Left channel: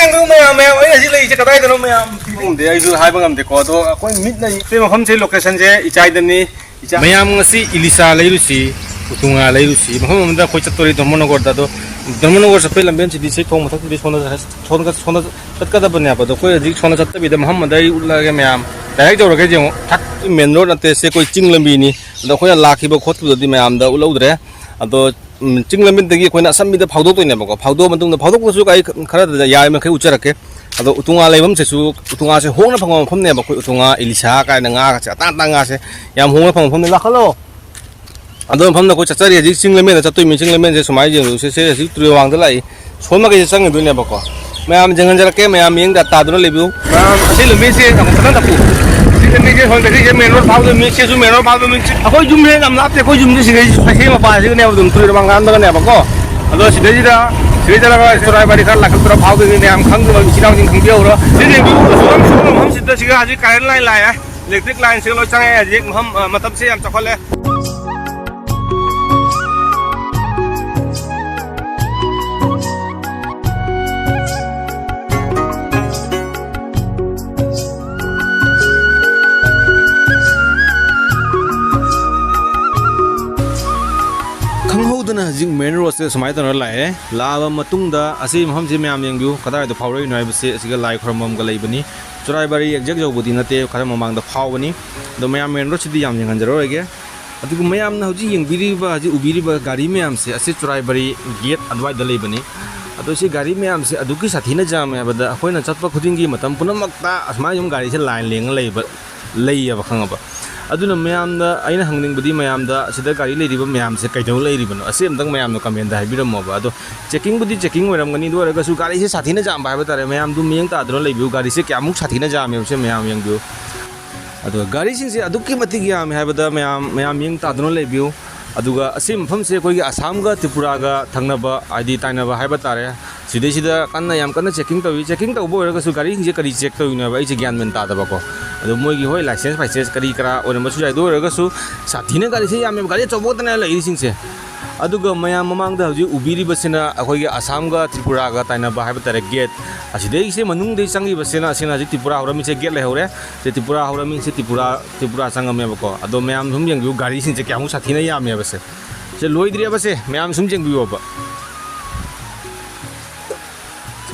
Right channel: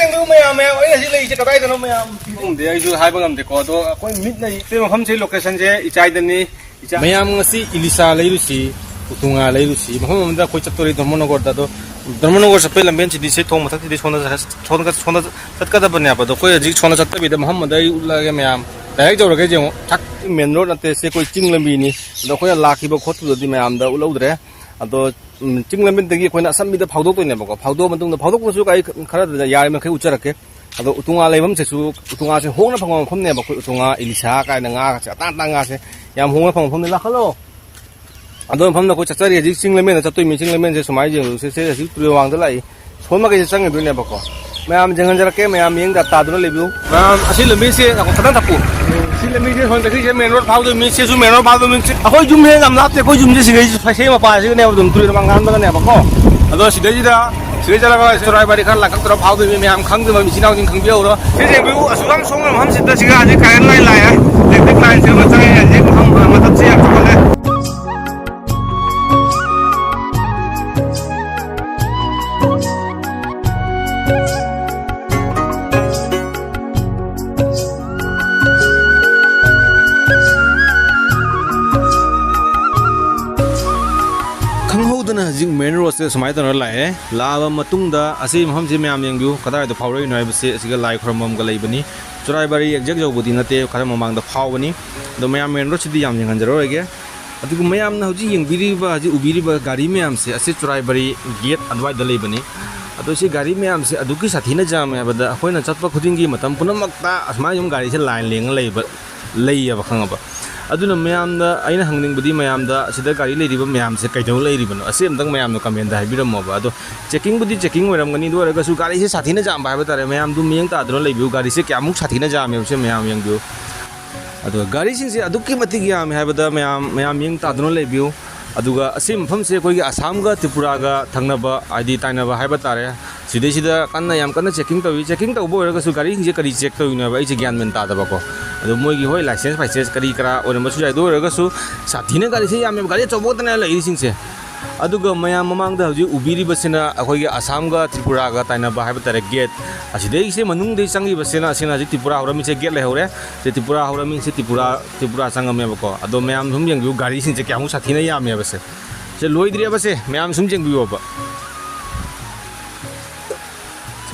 ยังรู้ไหมอ่ะแมวไอ้ที่เลยจะกระไรกันรู้ไหมอ่ะผมเดี๋ยวไอ้ดูหายบางอันเด็กก็ตัวคนมิดในที่มันใช้โลเคชั่นเจอีใจเดินนี่ไม่ยามสิอิลิซาเลยรู้สิอุตุงาเลยรู้สิมันได้คุยจัดตัวนี้Dharmanagar da Dharmanagar sampai lamben sih di situ thong matak di chona kat apa nih apa tuh koi jik chona cat tapi dah Muhammad dari lagi meam dah itu orang kerja tak main road nanti se koi cing lembi ni dah koi laki berkhot tu di meam dah ulah udre atau cing lembi tegi koi nak sambil dah powder tu ni apa kau powder bentuk dah powder kau suka ai kerana dah ya mereka ucar ke atau utunga lewam sesu utunga se hong na pangam pam ni apa koi utunga Elisa kai nanga se tang se yang hong na pangam pam ni lah kalau Aduh, paham nak kau cakap dia jing lemen, cakap tu jing lemen je semai je, saya tu orang tu lah. Semua kerja sangat dunia bakal. Macam jangan jarak ke, macam yang dah tahu dulu lebih. Si lemen si, aku pernah tak. Si lemen si, kalau kerja menor, tahu lemen si, menor, tahu lemen si. Aku jum le, kamu lapte, aku jum le si, si apa sih ni, aku tu orang kan tu kan ni bakal. Aduh, si dia dah, lah, story balik kan, lakukan terus tahu ni, am kan tu, si tahu jing dia orang. Si dia suam, ham si tu si kan, si kain lai, lepas kain si macam ni, jing ham, macam si aku boleh. Jing main road se semai tanah lai lava matungda asih maham je meam yang view kadar itu power ini habis se asiga lai kramam galai bani curai bari exact jauh budi nate kadar mamang da power bani do meam main road sidi yang jangan jero lagi atu ku meam na huji yang biri ba haji ubiri ba gari meam se asih curai bari gate adwai dalai bani atu si gari meam se adu ki sathi na jam ya bada akoi na chatpa khuding gi matam punamakta asma yum gari se line leng lei ba lei ya ba khangaba aduna mayam da aina hangning budi mayam da sida gari lei riba mayam se kaidau lei ribano asem dang mayam no comment da habiram mo ba ado checking budi checking oram gani do raga su gari se sathina jam ba ba tare mayam du miyang ta dro lei biu gari se kyamuk sathina jam se mayam yang biu ado gari sing se adukki mati gi am ha ba da mayam miyang ta dro lei biu aduga asim pham se koi gi Assam ga Tripura ga thangna ba ID taina ba ha ba tare sida kanna yam kanna checking to bo raga su gari je kari check to ina ba je gyan men ta da ba ko ado moi gi hoi license kari kara or masu jai do raga su sathine gari se yam gari chobot na la sing se aduga mayam mamang da ji ubiri basina akoi gi Assam ga Tripura ga taina ba ha ba tare gate asidei se manung dei sangi basina sina ji Tripura horami se gate le hore se Tripura horami se Tripura sangam me ba ko ado mayam hum yang gari sing se kyamu sathine yam me ba se loi dri ba se mayam sum jeng bi ba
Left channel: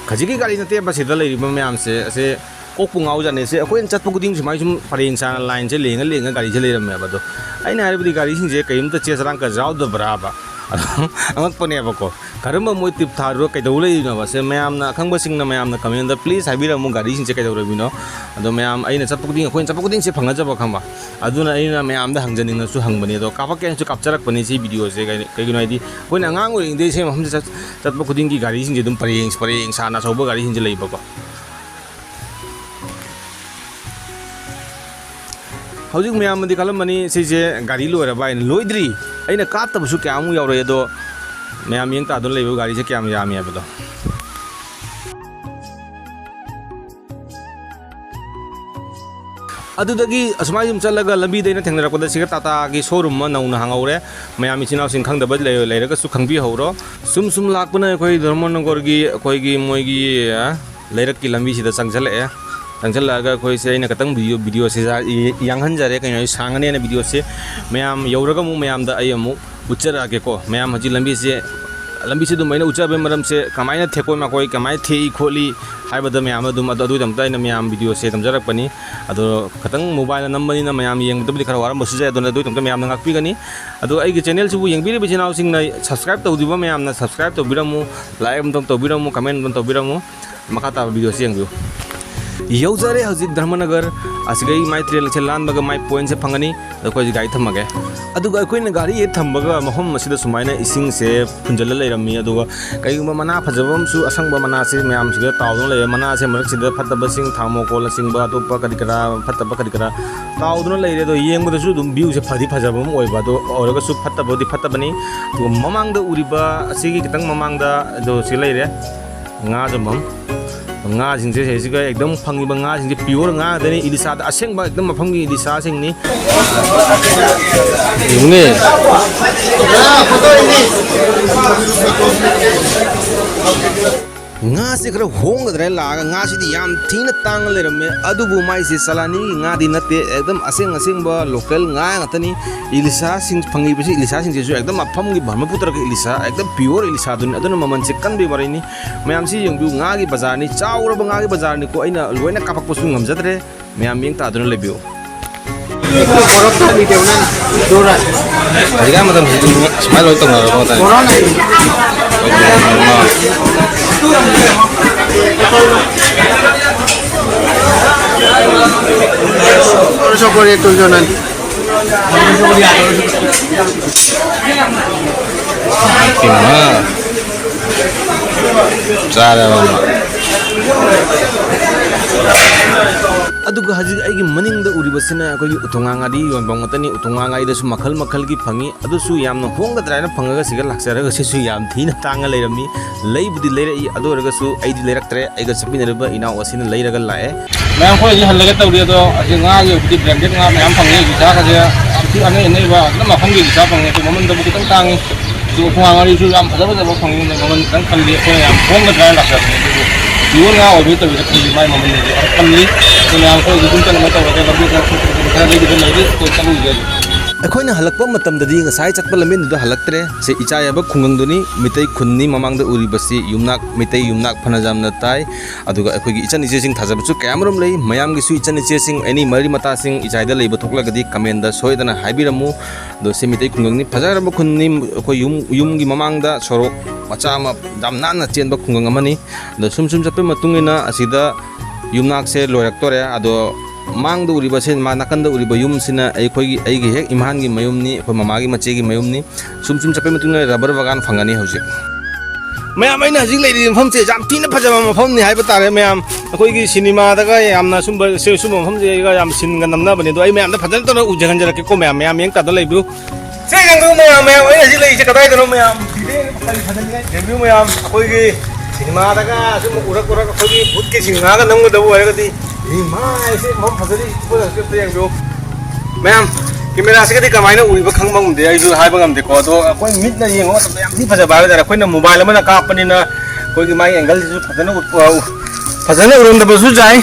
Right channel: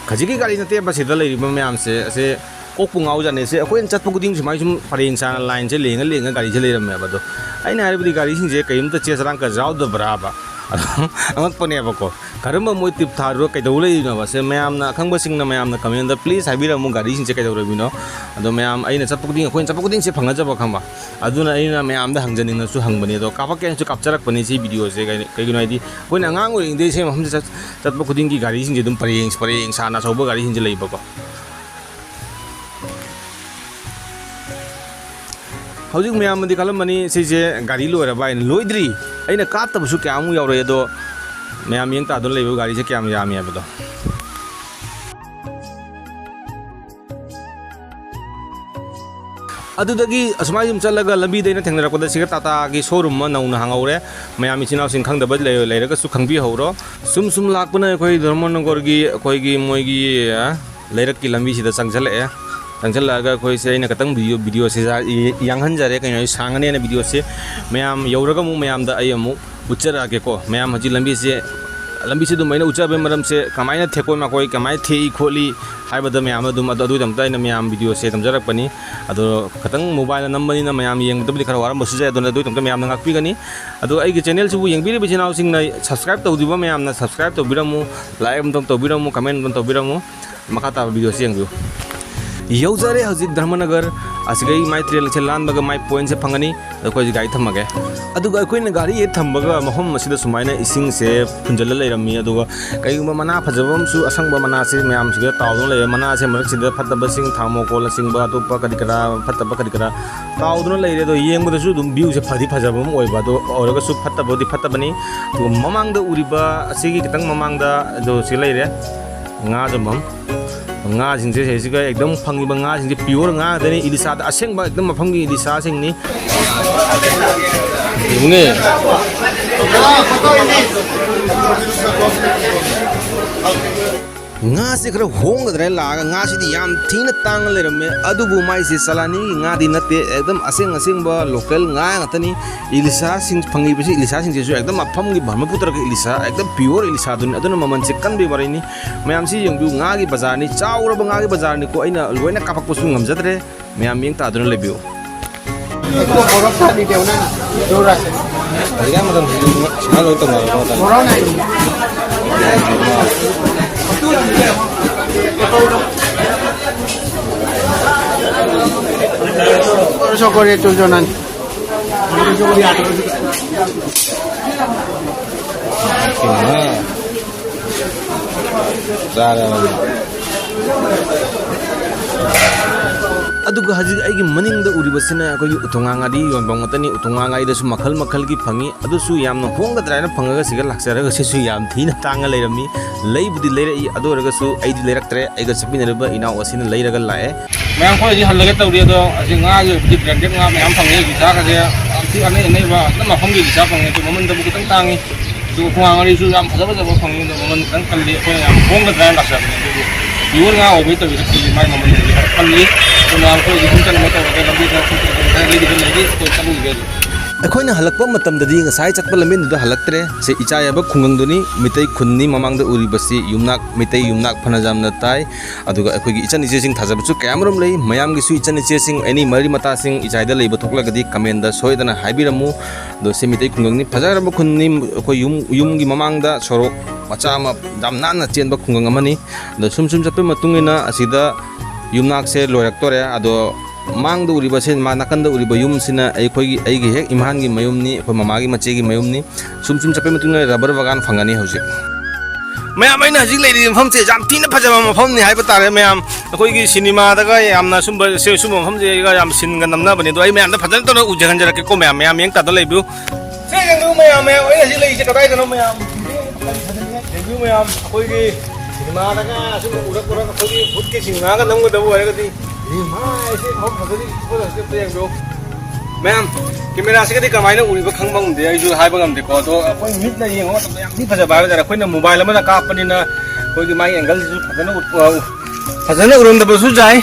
Kajiki kali nanti apa sih dalam lima macam se kokung au jane se aku yang cat pukuding cuma cuma paling sana lain se lenga kali se lera apa tu, ini hari beri kali sih je kayak itu cia serang ke jauh dah berapa, amat punya apa kok, karena mau tip taruh kayak dulu ini apa se macam na kang basing na macam na kami anda please hari beri mau kali sih kayak dulu ini, atau macam ini cat pukuding aku yang cat pukuding se pangga jawab kamba, adu na ini macam dah hang janing na su hang bani tu, kapak yang cukup capture bani se video se kayak gini aja, aku yang ngangur ini se macam cat pukuding ki kali sih je dum paling sana coba kali sih je leiba kok. Hujung mayam di kalau mani seje gari lu ada bain loidri, aina kata busuk kamu ya orang itu mayam yang tak ada lagi gari se kamu ya mayam itu. Adu lagi asmai jum calaga lambi deh na tenggelam pada sikat tata ki showroom mana una hang aure mayam icinau singkang dapat lera ke sukhang bi hauro sum lak pun koi Dharmanagar koi gi moi gi lera ki lambi sida sangjal ya. Tanggal laga koi se ina katang video se yang hanjare kaya sangane na video se mayam yauraga mu mayam da ayamu ucara ke ko mayam haji lambi se dum maina ucara be maram se kamaina theko ma koi kamai thei kholi haibada mayam dum adu dam tai na mayam video se tamjarak pani adu katang mobile number ni na mayam yang dum dikhar waram basu jai dona du tam mayam na ngakpi gani adu ai ge channel su yang biri channel sing na subscribe to diba mayam na subscribe to biramu like to biramu comment to biramu makata video se yang view Yau jare hazik Dharmanagar asigai mai trail chelan baga mai point se phangani ko ji gai thamaga aduga koi na gari e thambaga mahom masida sumaina ising se punjala leirami aduga kai mana phajabam su asangba mana se mayam siga tawdon le mana se marak sida phataba sing thamo ko la sing ba to pa kadikara phataba kadikara tawdon leire do yengba su dum view se phadi phajabam oi ba do oraga su phataba di phatabani to mamang da uriba asigi kitang mamang da do se leire nga jambam nga sing se siga ekdam phangi ba nga sing pure nga dani Elisa da aseng ba ekdam phangi Elisa sing ni nga se khara hongdre la nga si di yam thina tang lerame adubu mai se salani nga di nate ekdam aseng ba local nga ngatani ilisa sing phangi bisi ilisa sing jesu ekdam apham gi brahmaputra ki ilisa ekdam pure ilisa dun aduna maman se kan be barini mayam si yung du nga gi bazar ni chaura ba nga gi bazar ni ko aina loina kapak pusu ngam jadre mayam yeng ta aduna lebiu morok ta ni teuna dora Harga madam smile loy tong ro ta corona so pore to jonan Kima Zara aduga hajig aigi maningda uribasina akoi utunganga di yonbang matani utunganga ida su makhal gi phangi adu su yamna hongda draina phangaga siga laksara ga su yam thina tanga leirami leibudi leira i adu raga su aidi leiraktre aiga sapinarba ina wasina leiraga lae ma'am को ये हल्ले तो उड़िया तो असिंगा ये उड़ी branded ना ma'am fungi guitar का जे अति अने नहीं बा ना मा फंगे गिटा फंगे तो मोमन तो बुकितन तांगी जो तुंगा री सु याम फजब जब फंगे मोमन तन कल्ली को याम फोंग ड्राई लक्ष्य युवन ना ओबी तो बित की माय मोमन कल्ली तो याम को गुन चल मत वगे लगे तो ले दिबन नहीं तो चलू गया अखोइना हलकप मतमददी ngasai chatpa lamin du halaktre se ichayaba khungangduni mitai khunni mamangda uribasi yumnak mitai yumnak phanajamna tai aduga akhoigi ichan iche sing thajabuchu kayamrom lei mayam gi su ichan iche sing any mari mata sing ichaida leiba thoklagadi comment da soidana haibiramu do se mitai khungangni phajaraba khunni akhoi yum gi mamangda sorok macha ma damnana chenba khungang amani do sum chape matungina asida yumnak se loiraktore ado mang do uriba sen ma nakan da uriba yum sina ai khoi gi hek imhan gi mayum ni khoi mama gi mache gi mayum ni sum chape matungna rubber bagan phangani hausi mayam aina hajing lei ri pham che jam tina phajama ma pham ni hai batare mayam khoi gi cinema da ga yamna sum se sum pham je ga yam sin ga namna bani do ai mayam da phajal to na ujagan jara ke ko mayam yeng ta da lei bu se gang do mayam ai hajing lei je ka dai do mayam review mayam khoi gi cinema da ga sum ura khoi gi bud ki cinema ga nam ga do ai ga di ma'am camera से कदी कमाइना उइबा खंगबा मुदे आइजु हाइबा ngamde ko do कोइ मिट ना येंगो तो याम नि फजा bye जरा Koyna mobile मना कापनिना कोइ माइ एंगल जु फजना उरम द बसु जाय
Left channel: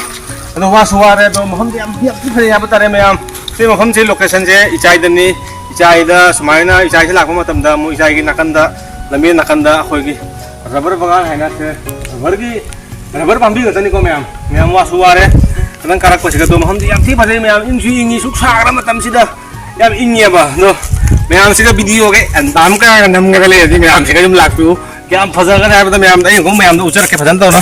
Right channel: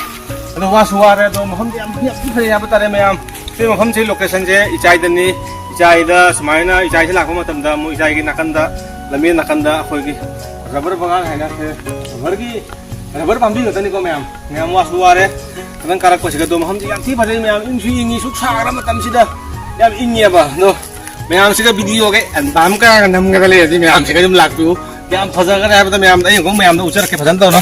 अनो वा सुवारे तो महम याम नि फजा या बतारे मैम से महम से लोकेशन से इचाइदनी इचाइदा समाइना इचाइ से लाखो मतम दा मु इचाइ gi nakanda lami nakanda khoi gi rubber bagan haina se rubber pambi gatani ko ma'am वा सुवारे nang karak ko siga to maham yam thi phajai mayam ingi ingi suk sagra matam sida yam ingi ba no mayam siga video ke andam ka nam ga le ji mayam siga jum laktu ke am phaja ga hai ba mayam dai ko mayam do uchar ke phajan to na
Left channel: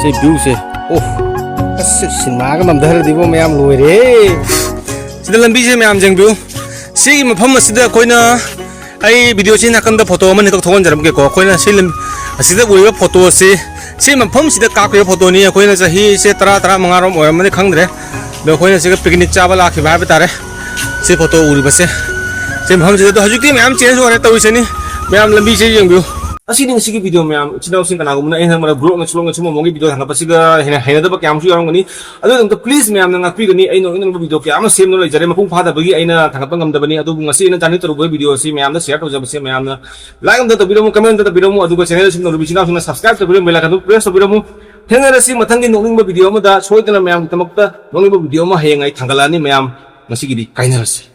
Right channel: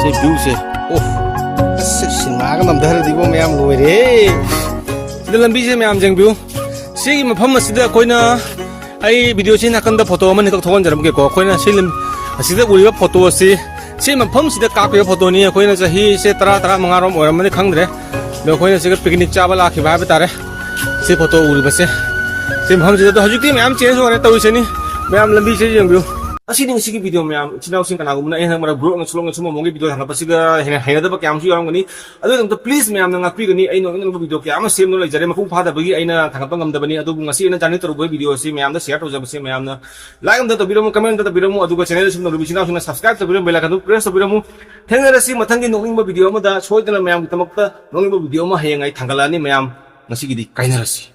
si view se oh singa nam dhar di bo mayam loi re lambi je मैम जेंगबु सी मफम असिदा कोइना आई video से नाकंदा photo मन तो थोन जरम के को कोइना सिलम असिदा उइबा फोटो से मफम सिदा कापे फोटो नि कोइना सही से 13 मंगारम ओरम ने खंगरे बे कोइना सिगा पिकनिक चाबा लाखि बाबे तारे से फोटो उइबसे से मफम से तो हजुकी मैम चेंज होरे तविसनी मैम लंबी से जेंगबु asini ngi video ma'am चिनाउ Singh kana gumna ai hamara group na chulong chumo mongi video hanga pasiga hena da ba kyam su yarongani adu dum please ma'am na ngakpi gani ai no ino video kyam sem no jare mapung phada bagi aina thangapa ngam da bani adu ngasi ina jani toru video si ma'am na share to jab se ma'am na like am da biromu comment da biromu adu ga channel sim no bisina suna subscribe to biromu bela ka press to biromu henga rasi mathangi nonging ba video ma da soidana ma'am tamakta nonging ba video ma hengai thangalani ma'am ngasi gidi kaina rasi